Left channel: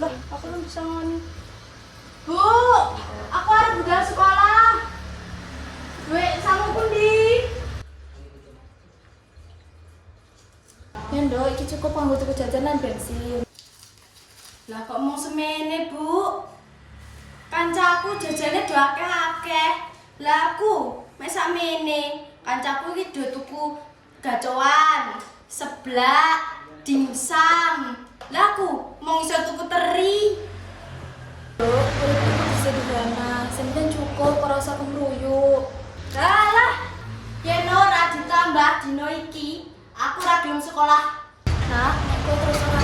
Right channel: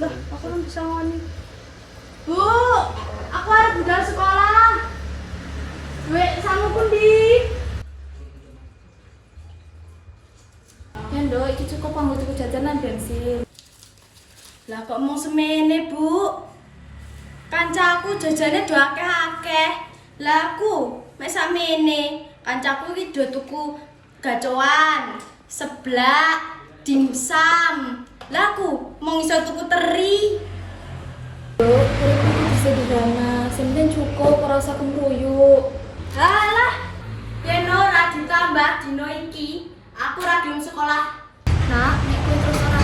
Lah, aku belum bisa ngoni. Bu, aku harus budal sekolah. Gue sama pun di. Nendo, itu cukup panggo tuku jajanan bensin. Lah kok mau semene, Bu? Kancaku jajannya do akeh-akeh. Lah aku mek samene, kancaku iki do tuku gacoan, seblak, dimsum, lah aku mau iso tuku teri. Ndok, urip kudu sederhana, sing cukup ora usah kemruyuk. Alah, yen ora ditambah dino iki, aku gelem sekolah. Nah, nek kowe terus ora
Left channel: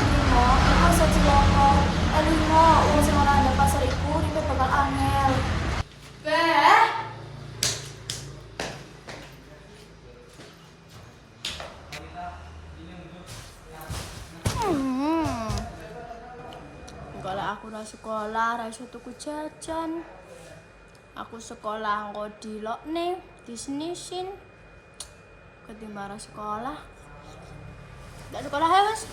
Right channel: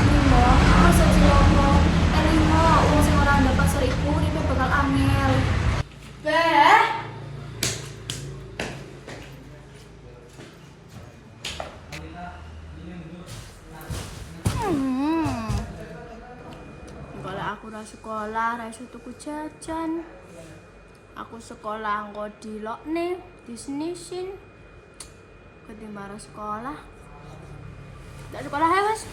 sekolah, ora iso tuku jajan. Aku sekolah engko dilokne, disnisin. Ketimbang sekolah. Ndak sekolah ya, Mas?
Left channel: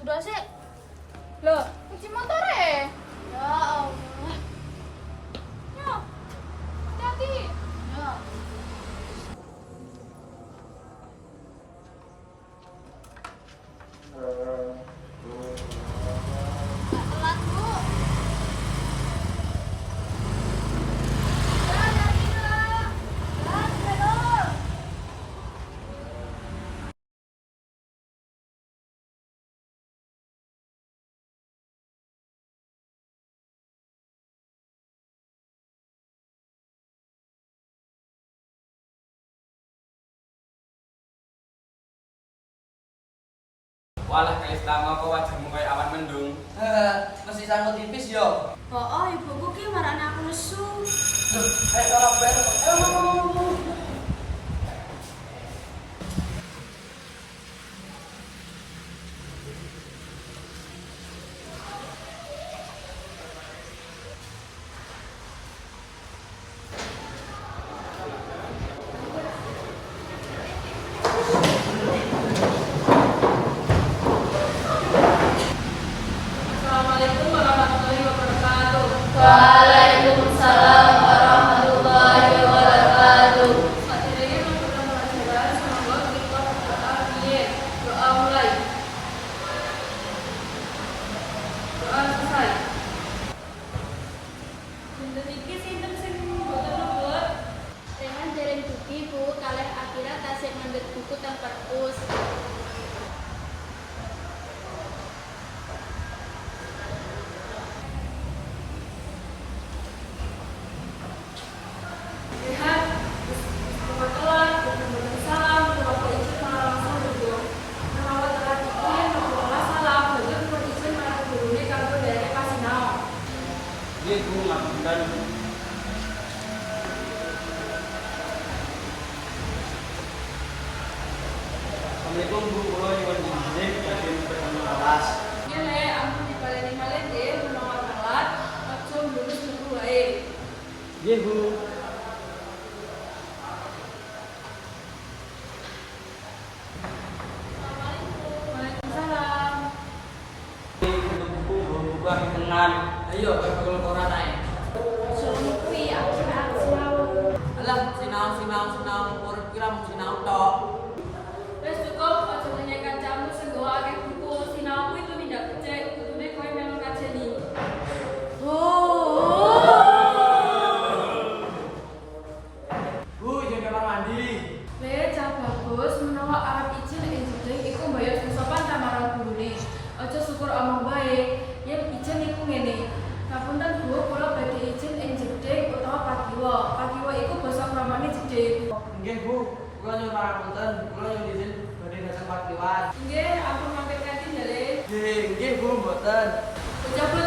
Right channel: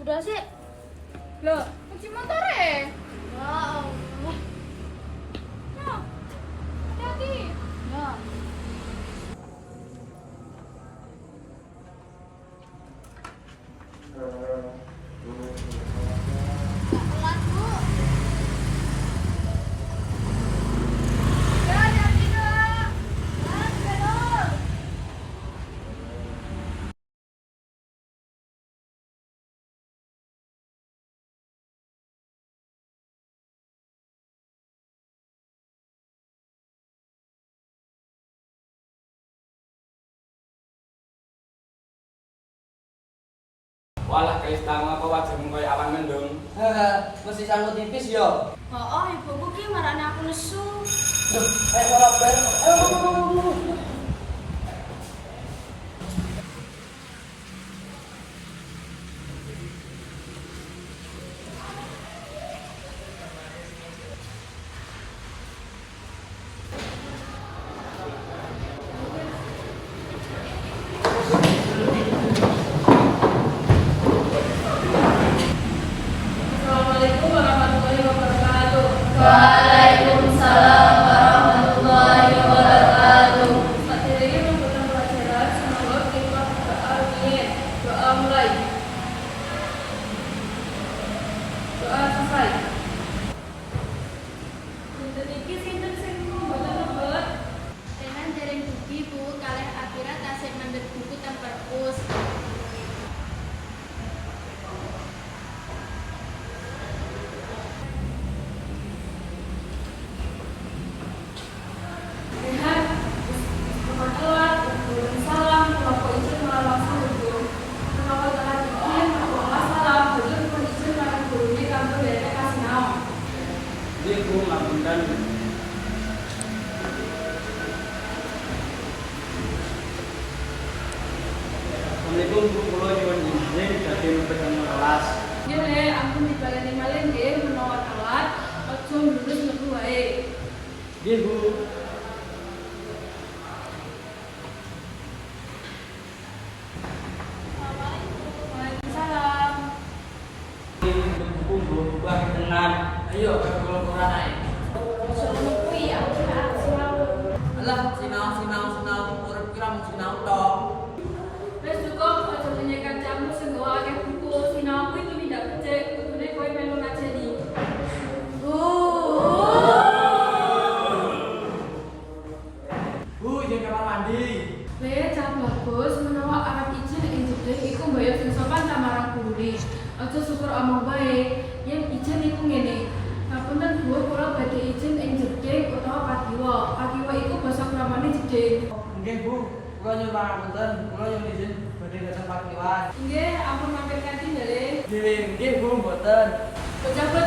udah sih. Lo cuci motor ya? Loh, Walah kaya tamu apa wajahmu kaya awan mendung. Mesti sanggup tipis yo. Oh, ibuku ki marane aku nesu. Duh, ayo balap bareng. Ayo, Assalamualaikum Bu, kula nyuwun izin dadi bersama kelas. Iya nek ampun dibaleni malih nggih menawa telat aja lulus metu wae. Nggih Bu. Waalaikumsalam. Ini buku buku aku tenan. Ayo, kalau kurang naik. Sono kuwi aku selalu. Alah, sinau, sinau, sinau. Urip kira sinau tok. Kancamu sing nggawa akeh buku sinau kuwi itu tidak kecek, kudune kowe melu ngajeni. Bu. Bu, izin kamar mandi. Le, cah bagus menawa arep izin ing jeding iku mbayar sing sopan ta marang gurune. Aja syukur omong bae. Yen izin iku ngene. Ngapunten Bu, kula badhe izin ing jeding utawa pagiwa. Pagiwa iku basa gede. Nggih Bu, kula nyuwun pangapunten, kula nyuwun izin dateng parkiran. Nggih, ampun mampir kantin jare. Nggih, nggih Bu, mboten. Bocah-bocah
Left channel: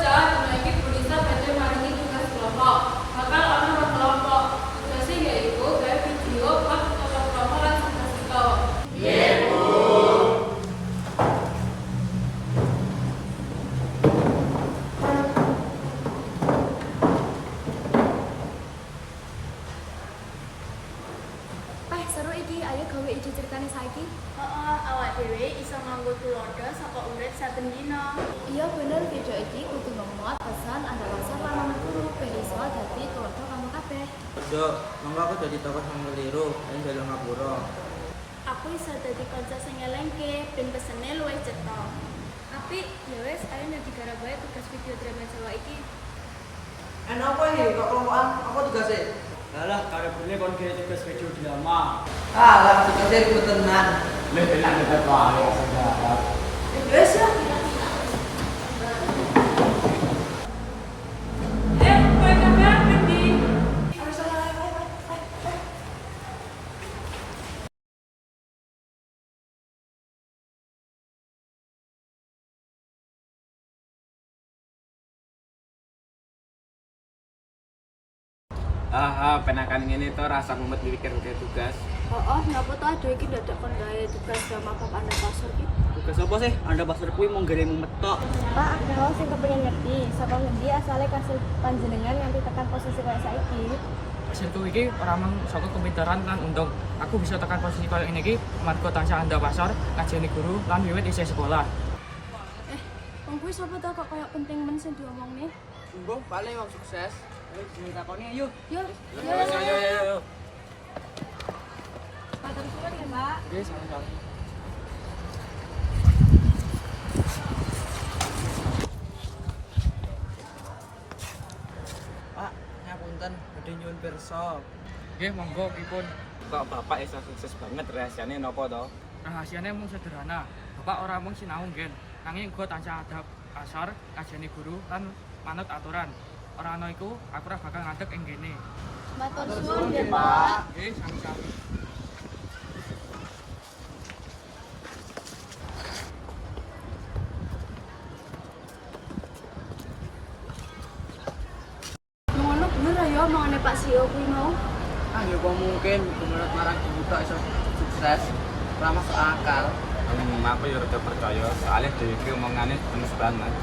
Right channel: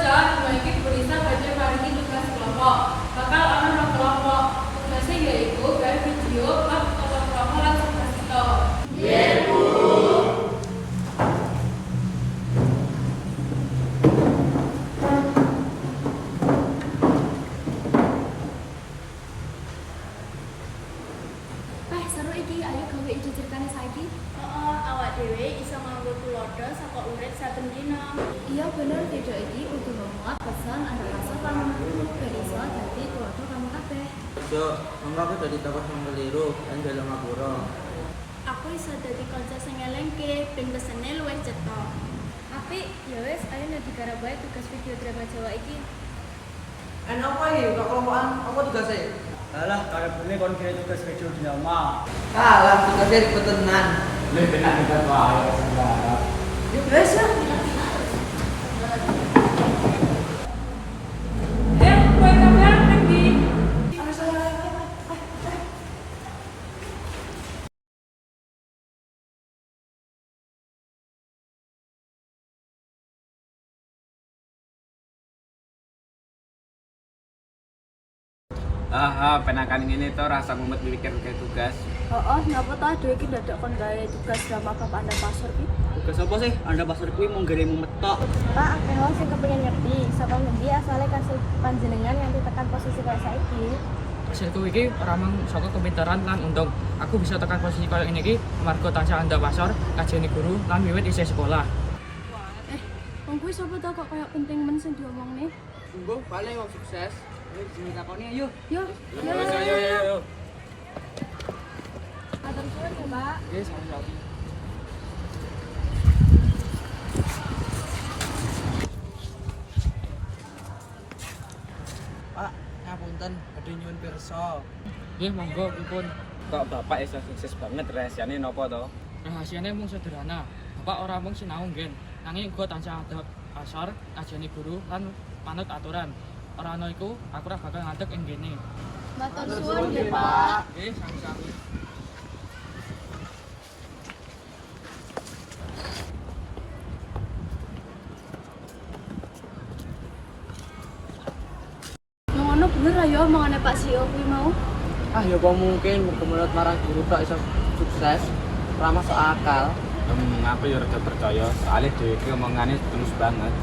Ayo gawe ide ceritane saiki. Heeh, awak dhewe iso nganggo tulodo saka urip saben dina. Iya bener video iki kudu ngemot pesan anda pasar lan anak guru ben iso dadi tulodo kamu kabeh. Dok, monggo aku dadi tokoh sing keliru lan jalan ngapura. Aku iso dadi kanca sing ngelengke ben pesene luwih cetha. Apik, ya wis ayo nek digarap bae tugas video drama Jawa iki. Enak apa iki kok kelompokan? Apa tugasnya? Alah, kalau boleh kon kira tugas video drama. Alah, tugasnya ribet tenan. Lebih enak dekat wae saja. Ya guys ya. Ah, ah, penakan ini tuh rasa mumet mikir kayak tugas. Oh, napa ta dhewe iki dadak kon gawe tugas drama bab anda pasar ki? Tugas apa sih? Anda pasar kuwi mau gede metok. Pak, akeh wong sing kepengin ngerti saka ngendi asale kasil panjenengan nganti tekan posisi kaya saiki. hasilku iki ora mang saka kepintaran lan untung aku bisa tekan posisi kaya ini iki amarga tansah anda pasar kajeni guru lan wiwit isih sekolah Wong kuwi sapa ta kok koyo penting men sing diomongne? Tunggu, paling wong sukses. Ayo, ayo, ayo, ayo. Matur suwun ya, Pak. Oke, sama-sama. Pak, ngapunten, badhe nyuwun pirsa. nggih monggo pripun Kok bapak iso sukses banget rahasiane nopo to? rahasiane mung sederhana bapak ora mung sinau nggen nanging uga tansah adab asar kajeni guru lan manut aturan ora ana iku aku ora bakal ngadeg ing kene Matur suwun ya, Pak. nggih sami-sami Nang ngono bener ayo omongane Pak CEO kuwi mau. Ah, ya kok mungkin menurut marang guru tok iso sukses. Ora masuk akal. Hmm, aku ya rada percaya, soalnya dhewe iki omongane tulus banget.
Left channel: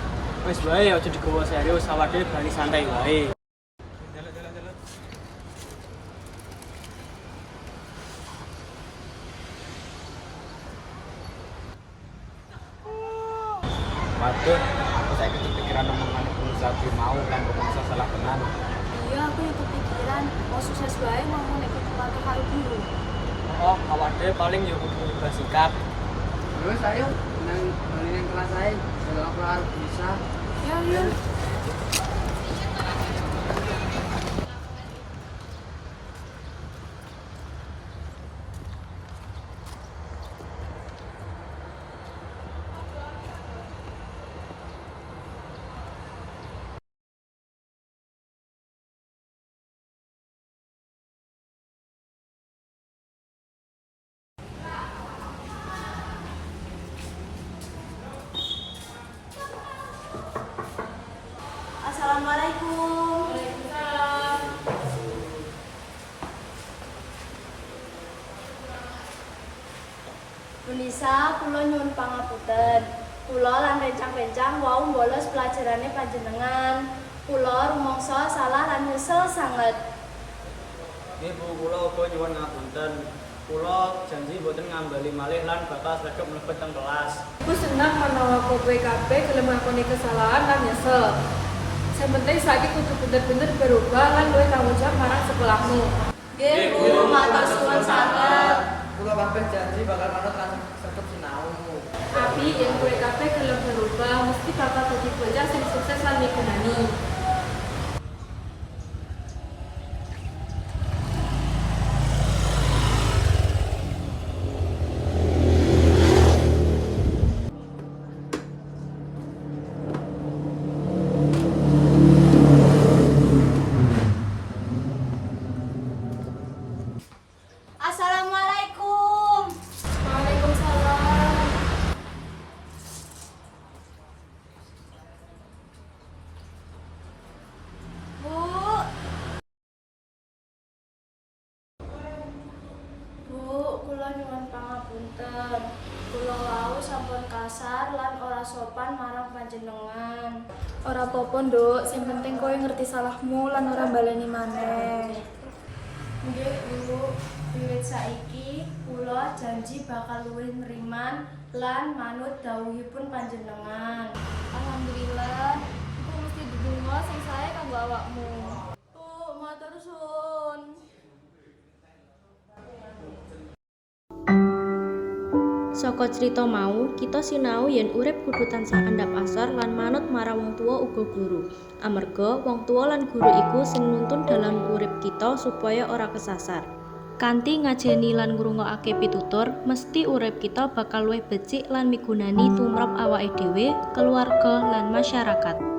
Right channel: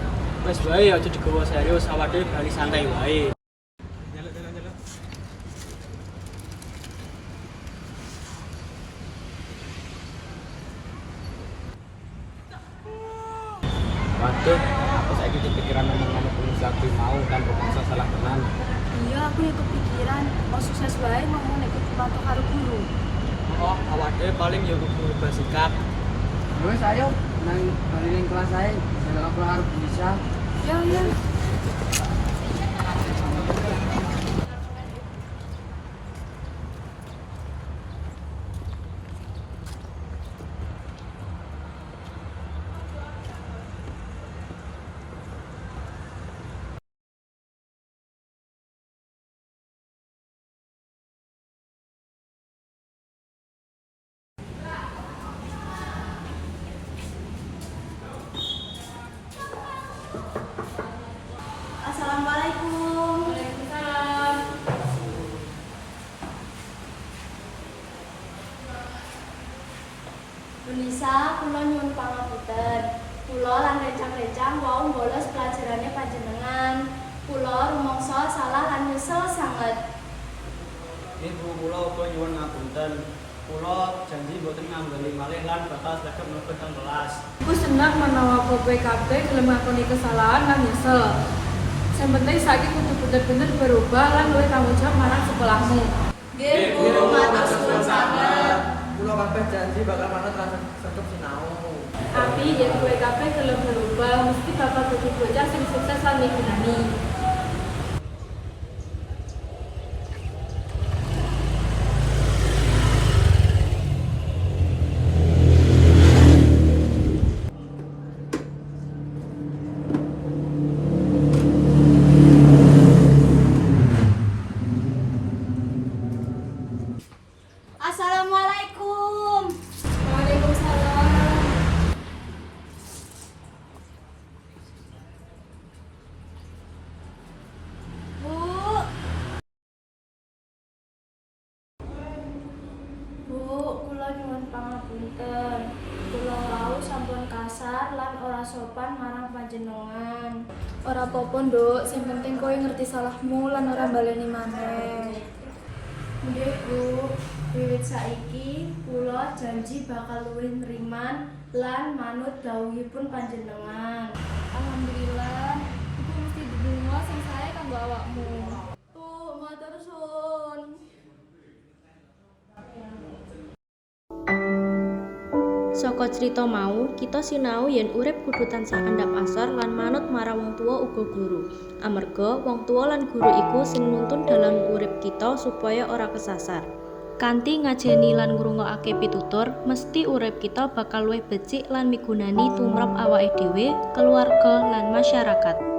Wes wae aja digawa serius, awake dhewe bali santai wae. jalan jalan jalan Waduh, aku saiki kepikiran omongane pengusaha mau kan pengusaha salah tenan. Iya, aku yang kepikiran mau sukses wae ngomong nek kudu patuh karo guru. Oh, awak dhewe paling yo kudu rubah sikap. Ya wis ayo nang nang kelas ae. Jalan aku arep bisa. Ya, ya. Tulisa, kula nyuwun pangapunten. Kula lan rencang-rencang wau bolos pelajarane panjenengan. Kula rumangsa salah lan nyesel sanget. Ini bu kula uga nyuwun ngapunten. Kula janji mboten ngambali malih lan bakal sregep mlebet teng kelas. Aku senang menawa kowe kabeh gelem ngakoni kesalahan lan nyesel. Yang penting saiki kudu bener-bener berubah lan luwih tanggung jawab marang sekolahmu. Nggih, Bu, matur suwun sanget. Kula kabeh janji bakal manut lan tetep sinau. Tapi yang kowe kabeh gelem berubah mesti bakal dadi bocah sing sukses lan migunani. Apa-apa, Nduk. Sing penting kowe ngerti salahmu lan ora baleni maneh. Nggih, Bu. Wiwit saiki kula janji bakal luwih nriman lan manut dawuhipun panjenengan. Alhamdulillah, iku mesti didungo sing sae kanggo awakmu. Bu, matur suwun. Saka crita mau, kita sinau yen urip kudu tansah andhap asor lan manut marang wong tuwa uga guru. Amarga wong tuwa lan guru iku sing nuntun dalam urip kita supaya ora kesasar. Kanthi ngajeni lan ngrungokake pitutur, mesti urip kita bakal luwih becik lan migunani tumrap awake dhewe, keluarga lan masyarakat.